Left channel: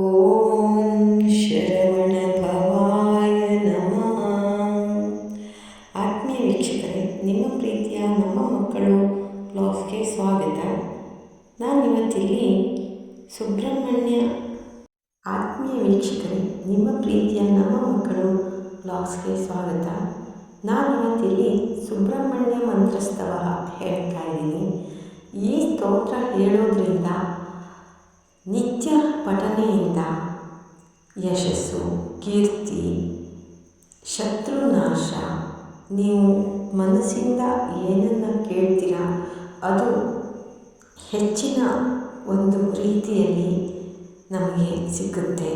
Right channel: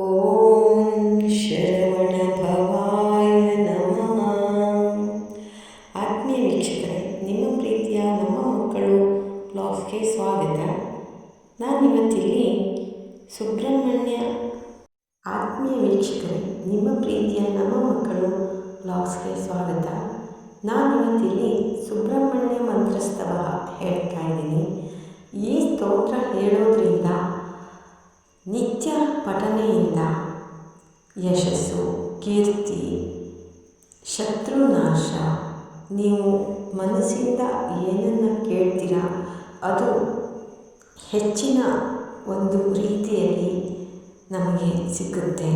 ಓಂ ಶರವಣ ಭವಾಯ ನಮಃ. ಆತ್ಮೀಯ ವೀಕ್ಷಕರೇ, ನಿಮ್ಮ ಪ್ರೀತಿಯ ನಮ್ಮ ಮಕ್ಕಳು ಬ್ಲಾಗ್ಸ್ಗೆ ಸ್ವಾಗತ. ನಾನಿವತ್ತಿಲ್ಲಿ ಸುಬ್ರಹ್ಮಣ್ಯ ಆತ್ಮೀಯ ವೀಕ್ಷಕರೇ, ನಿಮ್ಮ ಪ್ರೀತಿಯ ನಮ್ಮ ಮಕ್ಕಳು ಬ್ಲಾಗ್ಸ್ಗೆ ಸ್ವಾಗತ. ನಾನಿವತ್ತಿಲ್ಲಿ ಸುಬ್ರಹ್ಮಣ್ಯ ಮಂತ್ರಸ್ತವ ಹೇಳ್ತಾ ಇದ್ದೀನಿ. ಈ ಸ್ತೋತ್ರ ಹೇಳೋದ್ರಿಂದ ನಿತ್ಯ ಪಠನೆಯಿಂದ ಯಶಸ್ಸು, ಕೀರ್ತಿ, ಶತ್ರುನಾಶ, ನೀವು ಮನಸ್ಸಿಂದ ಏನನ್ನು ಕೇಳ್ತೀರಾ ಅದು ಹೆಚ್ಚಿನ ಒಂದು ರೀತಿಯಲ್ಲಿ ನಮಗೆ ಸಿಗುತ್ತೆ.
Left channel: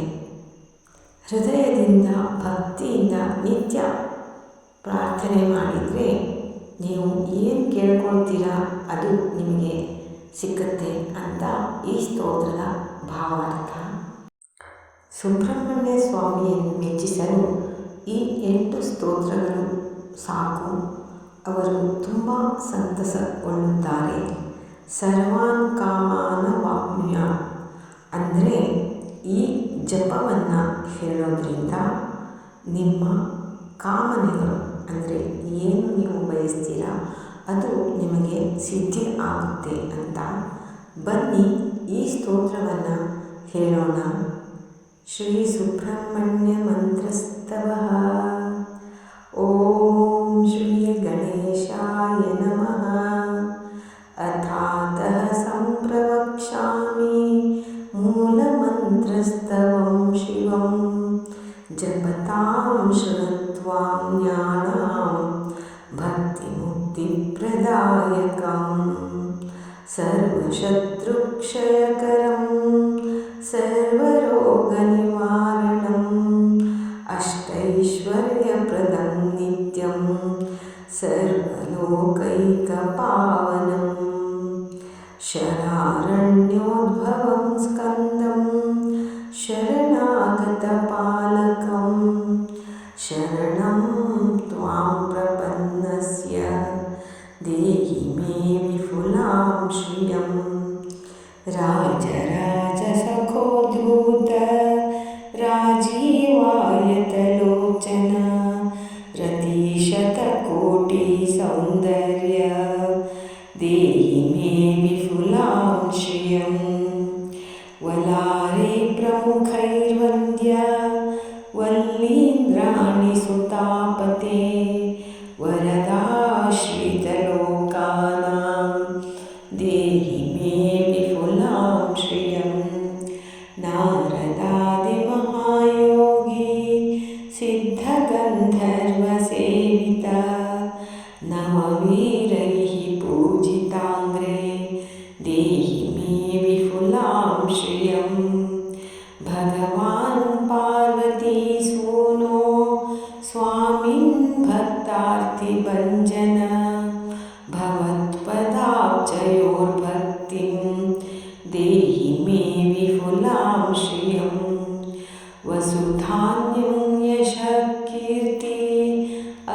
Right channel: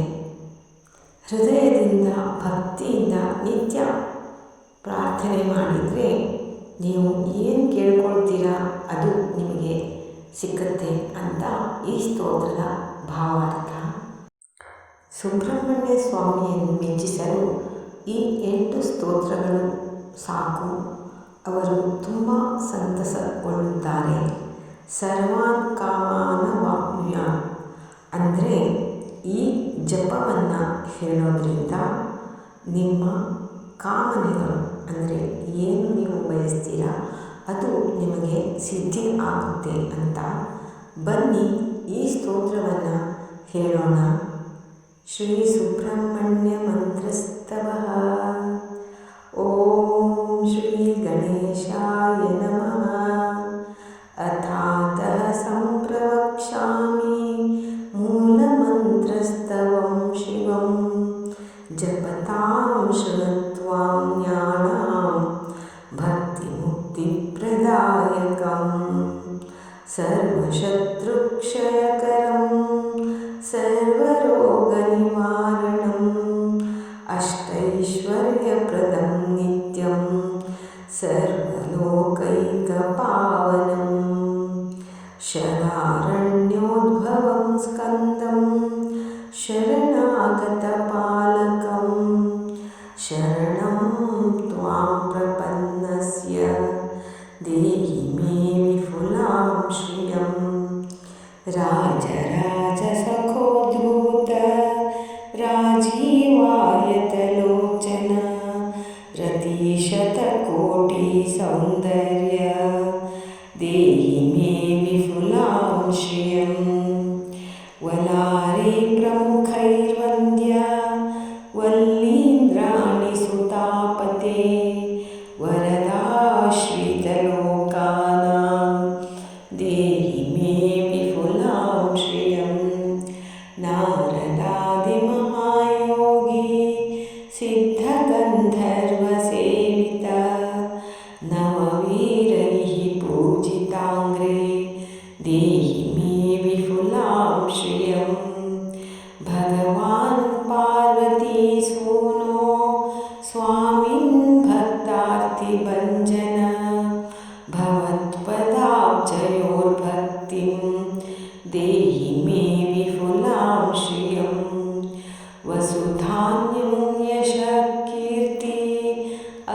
ಹೃದಯದಿಂದ ಭಕ್ತಿಯಿಂದ ನಿತ್ಯ ಪ್ರಾರ್ಥನೆ ಮಾಡಿದರೆ ನೀವು ಏನು ಕೇಳ್ಕೊಳ್ತೀರಾ ಅದು ನಿಮಗೆ ಸಿಕ್ಕತ್ತೆ ಅಂತ ಈ ಸ್ತೋತ್ರದ ಭಾವಾರ್ಥ. ಸುಬ್ರಹ್ಮಣ್ಯ ಸ್ವಾಮಿಯನ್ನು ಮೆಚ್ಚಿಸಲು ಈ 8 ಸ್ತೋತ್ರಗಳು ಸಾಕು. ಅವರು ತುಂಬ ಸಂತಸಗೊಳ್ಳುತ್ತಾರೆ. ಸರ್ವಾನ್ ಕಾಮಾನ ವಾಪ್ನುಯಾತ್ ಅಂದರೆ ಈ ಜಪವನ್ನು ಹೇಳೋದ್ರಿಂದ ನಿಮ್ಮ ಕಾಮನೆಗಳು ಅಂದರೆ ಏನು ನೀವು ಬಯಸ್ತೀರಾ ಅದು ನಿಮಗೆ ಸಿದ್ಧಿ ಆಗುತ್ತೆ ಅಂತ. ಬನ್ನಿ ಈ ಸ್ತೋತ್ರವನ್ನು ಹೇಳೋಣ. ಶ್ರೀ ಸುಬ್ರಹ್ಮಣ್ಯ ಮಂತ್ರಸ್ತವ. ಓಂ ಶ್ರೀ ಗಣೇಶಾಯ ನಮಃ. ಅಥಾತಃ ಸಂಪ್ರವಕ್ಷ್ಯಾಮಿ ಮೂಲಮಂತ್ರಸ್ತವಂ ಶಿವಂ ಜಪತಾಂ ಶೃಣುತ್ವಾಂ ಜ್ಞಾನಾಂ ಭಕ್ತಿಮುಕ್ತಿಪ್ರದಾಯಕಂ ಸರ್ವಶತ್ರುಕ್ಷಯಕರಂ ಸರ್ವರೋಗನಿವಾರಣಂ ಅಷ್ಟೈಶ್ವರ್ಯಪ್ರದಂ ನಿತ್ಯಂ ಸರ್ವಲೋಕೈಕಪಾವನಂ ಶರಾರಣ್ಯೋದ್ಭವಂ ಸ್ಕಂದಂ ಶರಣಾಗತಪಾಲಕಂ ಶರಣಂ ತ್ವಾಂ ಪ್ರಪನ್ನಸ್ಯ ದೇಹಿ ಮೇ ವಿಪುಲಾಂ ಶ್ರಿಯಂ ರಾಜರಾಜಸಖೋದ್ಭೂತ ರಾಜೀವಾಯತಲೋಚನ ರತಿಶತಕೋಟಿ ಸೌಂದರ್ಯ ದೇಹಿ ಮೇ ವಿಪುಲಾಂ ಶ್ರಿಯಂ ವಲಾರಿ ಪ್ರಮುಖೈರ್ವಂದ್ಯ ವಲ್ಲೀಂದ್ರಾಣಿ ಸುತಾಪತೆ ವರದಾಶ್ರಿತಲೋಕಾನಾಂ ದೇಹಿ ಮೇ ವಿಪುಲಾಂ ಶ್ರಿಯಂ ನಾರದಾದಿಮಹಾಯೋಗಿ ಸಿದ್ಧಗಂಧರ್ವಸೇವಿತ ನವವೀರೈಃ ಪೂಜಿತಾಂಗ್ರೇ ದೇಹಿ ಮೇ ವಿಪುಲಾಂ ಶ್ರಿಯಂ ಭಗವಾನ್ ಪಾರ್ವತೀಸೂನೋ ಸ್ವಾಮಿನ್ ಭಕ್ತಾರ್ಥಿಭಂಜನ ಭವತ್ಪದಾಬ್ಜಯೋರ್ಭಕ್ತಿಂ ದೇಹಿ ಮೇ ವಿಪುಲಾಂ ಶ್ರಿಯಂ ವಸುಧಾನ್ಯಂ ಯಶಃ ಕೀರ್ತಿ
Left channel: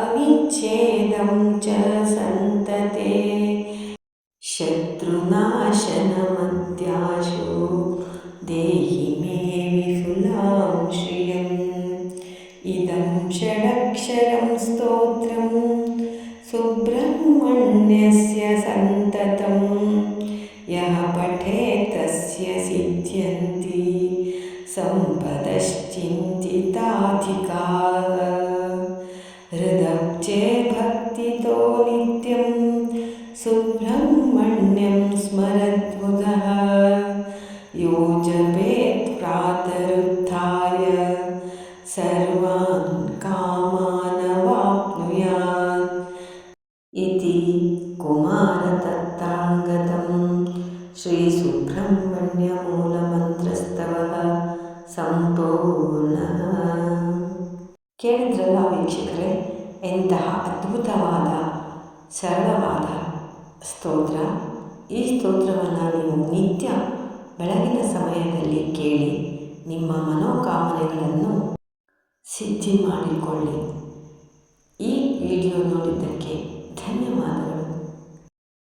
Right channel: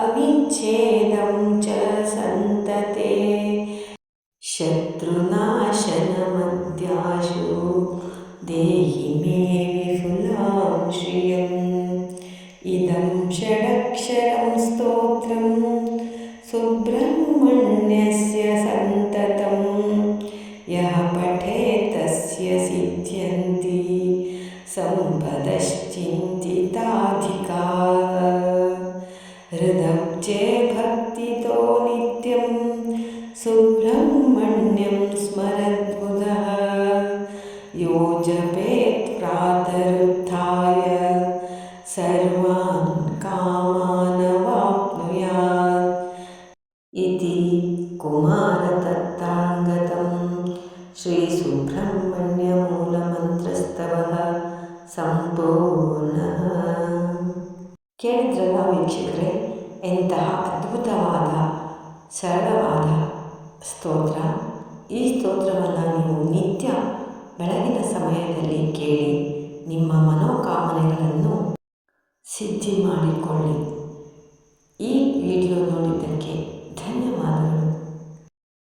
ಅವಿಚ್ಛೇದಂ ಚ ಸಂತತೆ ಶತ್ರುನಾಶನಮದ್ಯಾಶು ದೇಹಿ ಮೇ ವಿಪುಲಾಂ ಶ್ರಿಯಂ ಇದಂ ಷಡಕ್ಷರಂ ಸ್ತೋತ್ರಂ ಸುಬ್ರಹ್ಮಣ್ಯಸ್ಯ ಸಂತತಂ ಯಃ ಪಠೇತ್ ತಸ್ಯ ಸಿದ್ಧ್ಯಂತಿ ಸಂಪದಶ್ಚಿಂತಿತಾಧಿಕಾಃ ಹೃದಬ್ಜೆ ಭಕ್ತಿತೋ ನಿತ್ಯಂ ಸುಬ್ರಹ್ಮಣ್ಯಂ ಸ್ಮರದ್ಬುಧಃ ಯೋ ಜಪೇತ್ ಪ್ರಾತರುತ್ಥಾಯ ಸರ್ವಾನ್ ಕಾಮಾನ್ ವಾಪ್ನುಯಾತ್ ಇತಿ ಕುಮಾರತತ್ರಾಂಗತಂ ಶ್ರೀ ಸುಬ್ರಹ್ಮಣ್ಯ ಮೂಲಮಂತ್ರಸ್ತವಃ ಸಂಪೂರ್ಣ. ಕೇಳಿದ್ರಲ್ಲ ವೀಕ್ಷಕರೇ, ಎಂತಹ ಅದ್ಭುತವಾದ ಸರಳವಾದ ಸ್ತೋತ್ರ. ಈ ಸ್ತೋತ್ರವನ್ನು ನೀವು ನಿತ್ಯ ಬೆಳಗಿನ ಸಮಯದಲ್ಲಿ ಕೇಳಿ ನಿಮ್ಮ ಮನೋಕಾಮನೆಗಳನ್ನು ಸಿದ್ಧಿ ಮಾಡಿಕೊಳ್ಳಿ. ಈ ವಿಡಿಯೋ ನೋಡಿದ್ದಕ್ಕೆ ಧನ್ಯವಾದಗಳು.